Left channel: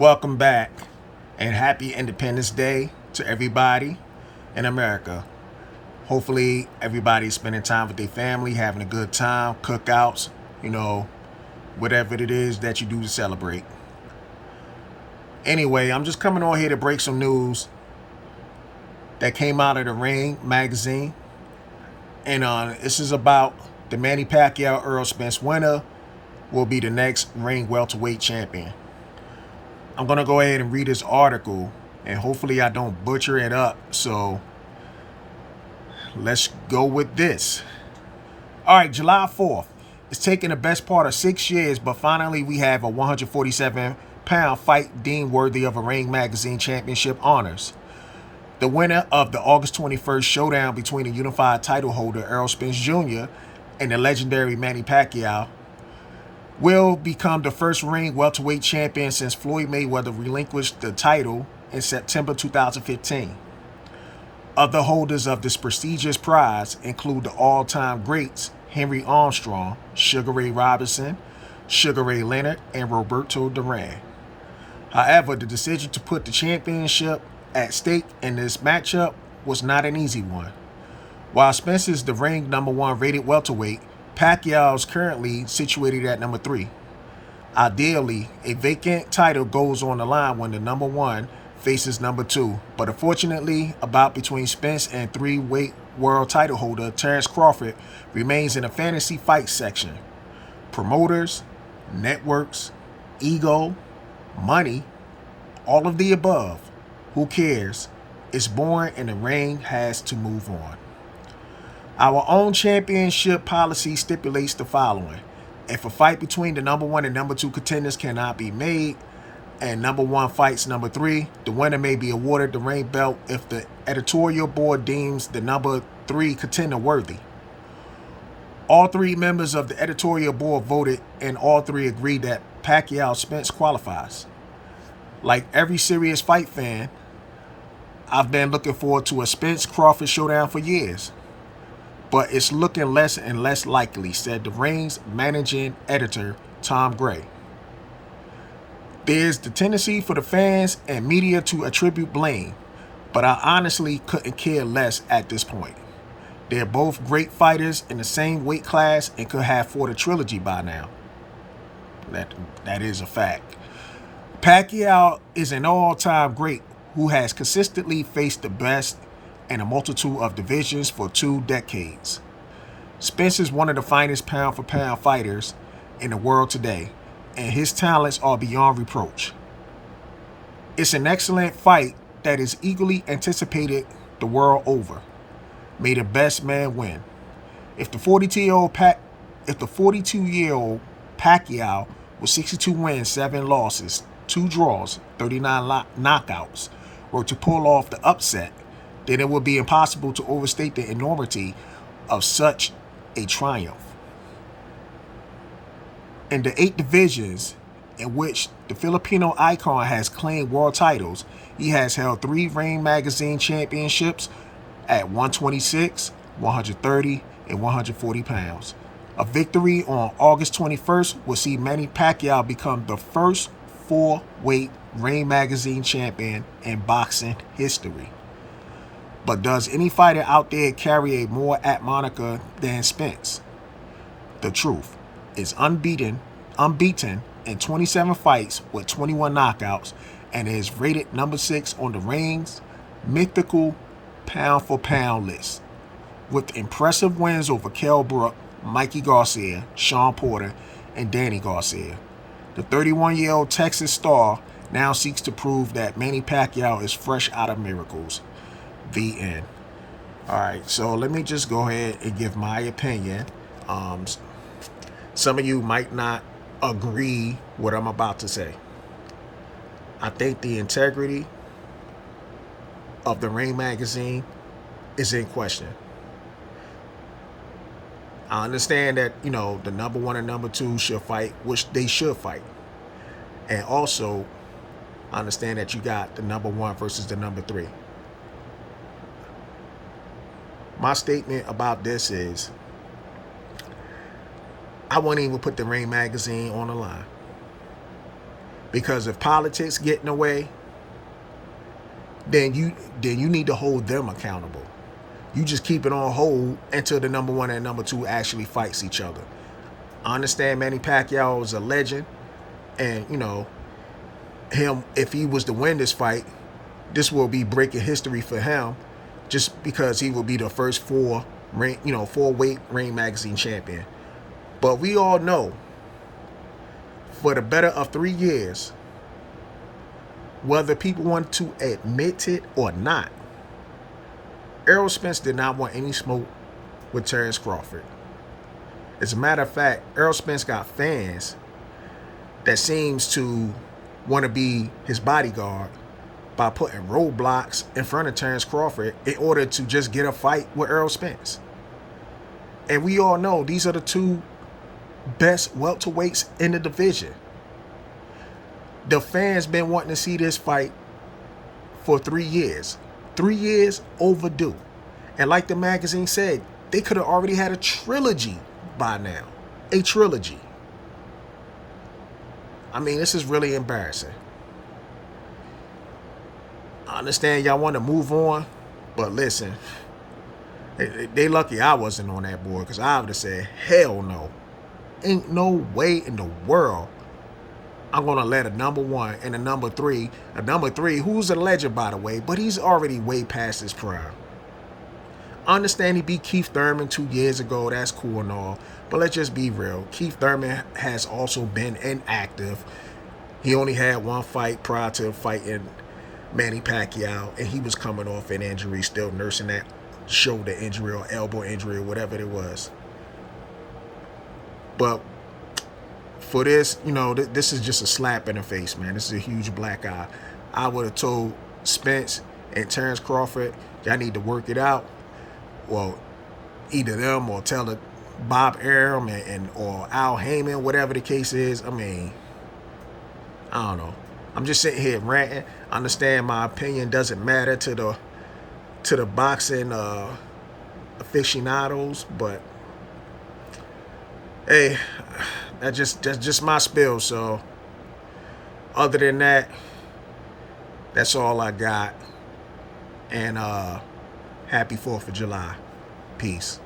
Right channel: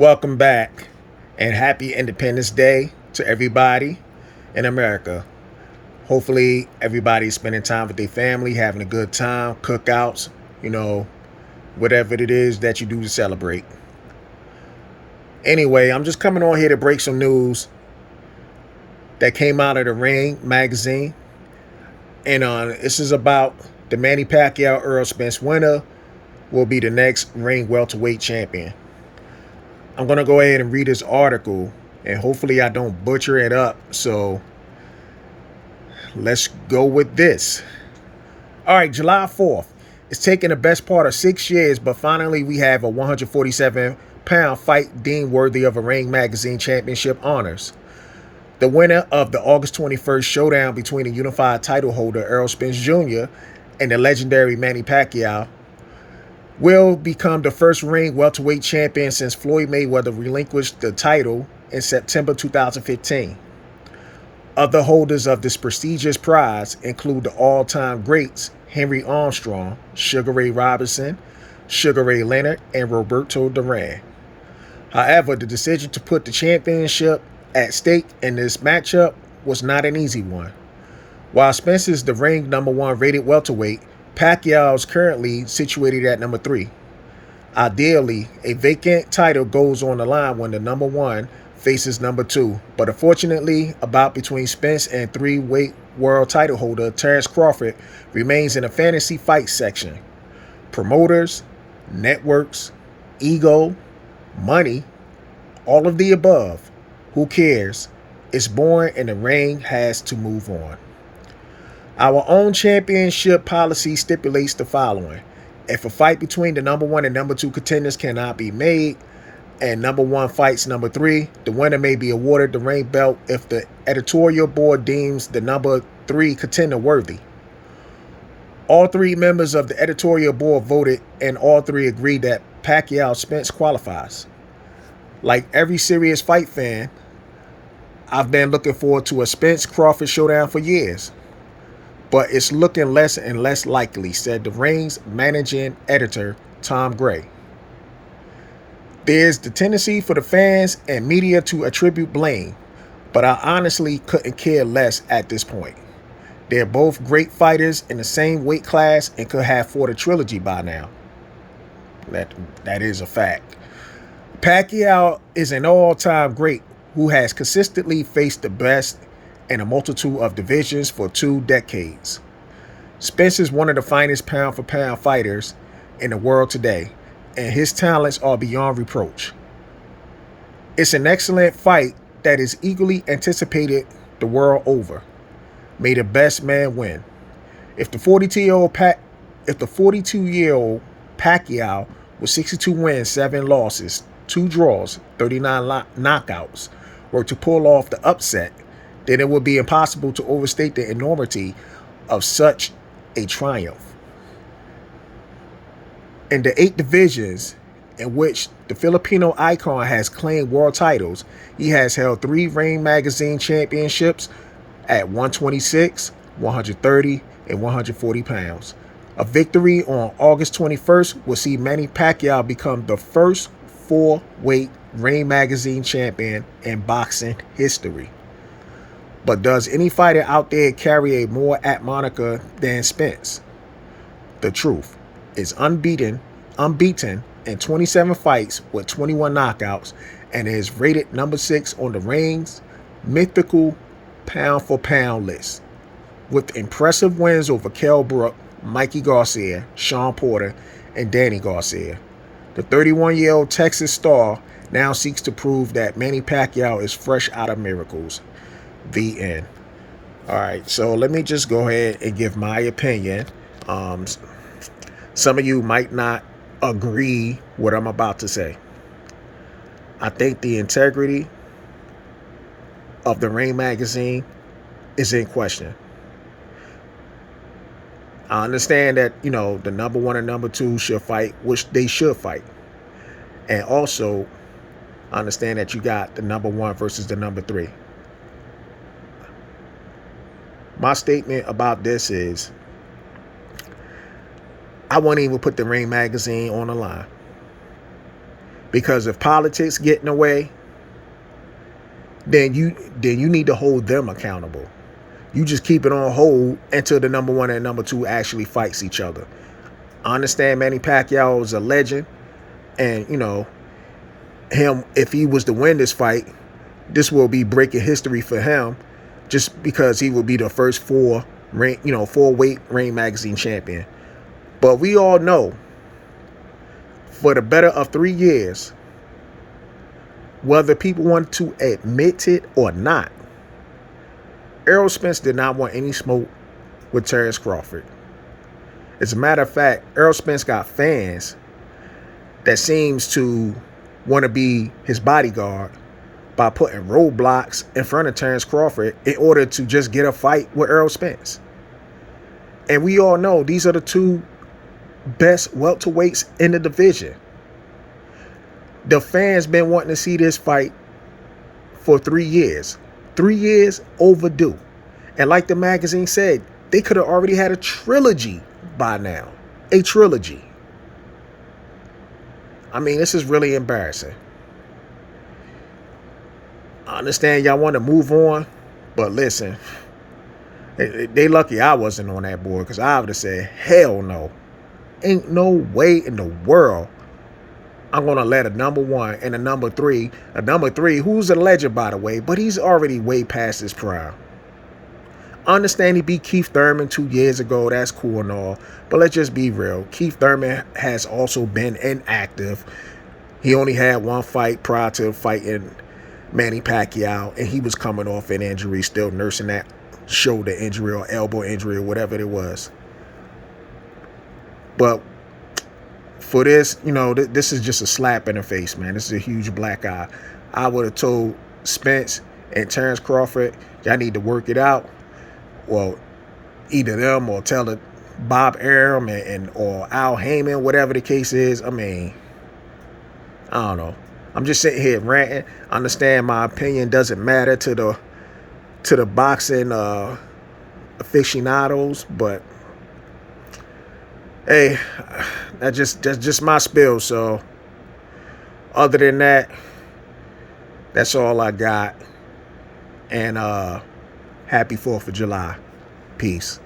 Welcome back and happy Independence Day to everybody in America. Hopefully, everybody's spending time with their family, having a good time, cookouts, you know, whatever it is that you do to celebrate. Anyway, I'm just coming on here to break some news that came out of the Ring magazine. And this is about the Manny Pacquiao Earl Spence winner will be the next Ring welterweight champion. I'm going to go ahead and read this article, and hopefully I don't butcher it up. So let's go with this. All right, July 4th. It's taken the best part of 6 years, but finally we have a 147-pound fight deemed worthy of a Ring Magazine Championship honors. The winner of the August 21st showdown between the unified title holder Errol Spence Jr. and the legendary Manny Pacquiao will become the first Ring welterweight champion since Floyd Mayweather relinquished the title in September 2015. Other holders of this prestigious prize include the all-time greats Henry Armstrong, Sugar Ray Robinson, Sugar Ray Leonard, and Roberto Duran. However, the decision to put the championship at stake in this matchup was not an easy one. While Spence is the Ring #1 rated welterweight, Pacquiao is currently situated at number 3. Ideally, a vacant title goes on the line when the #1 faces number 2, but unfortunately, a bout between Spence and 3-weight world title holder Terrence Crawford remains in the fantasy fight section. Promoters, networks, ego, money, all of the above. Who cares? It's boring and the Ring has to move on. Our own championship policy stipulates the following. If a fight between the #1 and #2 contenders cannot be made, and #1 fights #3, the winner may be awarded the Ring belt if the editorial board deems the #3 contender worthy. All 3 members of the editorial board voted, and all 3 agreed that Pacquiao Spence qualifies. Like every serious fight fan, I've been looking forward to a Spence Crawford showdown for years. But it's looking less and less likely, said the Ring's managing editor, Tom Gray. There's the tendency for the fans and media to attribute blame, but I honestly couldn't care less at this point. They're both great fighters in the same weight class and could have fought a trilogy by now. That is a fact. Pacquiao is an all-time great who has consistently faced the best in a multitude of divisions for 2 decades. Spence is one of the finest pound-for-pound fighters in the world today, and his talents are beyond reproach. It's an excellent fight that is eagerly anticipated the world over. May the best man win. If the 42-year-old Pacquiao with 62 wins, 7 losses, 2 draws, 39 knockouts were to pull off the upset, then it would be impossible to overstate the enormity of such a triumph. In the 8 divisions in which the Filipino icon has claimed world titles, he has held 3 Ring Magazine championships at 126, 130, and 140 pounds. A victory on August 21st will see Manny Pacquiao become the first 4-weight Ring Magazine champion in boxing history. But does any fighter out there carry a more apt moniker than Spence? The truth is unbeaten in 27 fights with 21 knockouts and is rated number 6 on the Ring's mythical pound-for-pound list, with impressive wins over Kell Brook, Mikey Garcia, Sean Porter, and Danny Garcia. The 31-year-old Texas star now seeks to prove that Manny Pacquiao is fresh out of miracles. The end. All right, so let me just go ahead and give my opinion. Some of you might not agree what I'm about to say. I think the integrity of the Ring Magazine is in question. I understand that, the #1 and #2 should fight, which they should fight. And also, I understand that you got the #1 versus the #3. My statement about this is I wouldn't even put the Ring Magazine on the line. Because if politics get in the way, then you need to hold them accountable. You just keep it on hold until the number one and number two actually fights each other. I understand Manny Pacquiao is a legend, and him, if he was to win this fight, this will be breaking history for him, just because he will be the first four weight Ring Magazine champion. But we all know, for the better of 3 years, whether people want to admit it or not, Errol Spence did not want any smoke with Terrence Crawford. As a matter of fact, Errol Spence got fans that seems to want to be his bodyguard by putting roadblocks in front of Terrence Crawford in order to just get a fight with Errol Spence. And we all know these are the two best welterweights in the division. The fans been wanting to see this fight for 3 years. 3 years overdue. And like the magazine said, they could have already had a trilogy by now. A trilogy. I mean, this is really embarrassing. I understand y'all want to move on, but listen, they lucky I wasn't on that board, because I would have said, hell no. Ain't no way in the world I'm going to let a number one and a number three, who's a legend, by the way, but he's already way past his prime. I understand he beat Keith Thurman 2 years ago. That's cool and all. But let's just be real. Keith Thurman has also been inactive. He only had one fight prior to fighting Manny Pacquiao, and he was coming off an injury, still nursing that shoulder injury or elbow injury or whatever it was. But for this, this is just a slap in the face, man. This is a huge black eye. I would have told Spence and Terrence Crawford, y'all need to work it out. Well, either them or tell it Bob Arum or Al Heyman, whatever the case is. I mean, I don't know. I'm just sitting here ranting. I understand my opinion doesn't matter to the boxing aficionados, but hey, that's just my spill. So other than that, that's all I got. And happy 4th of July. Peace.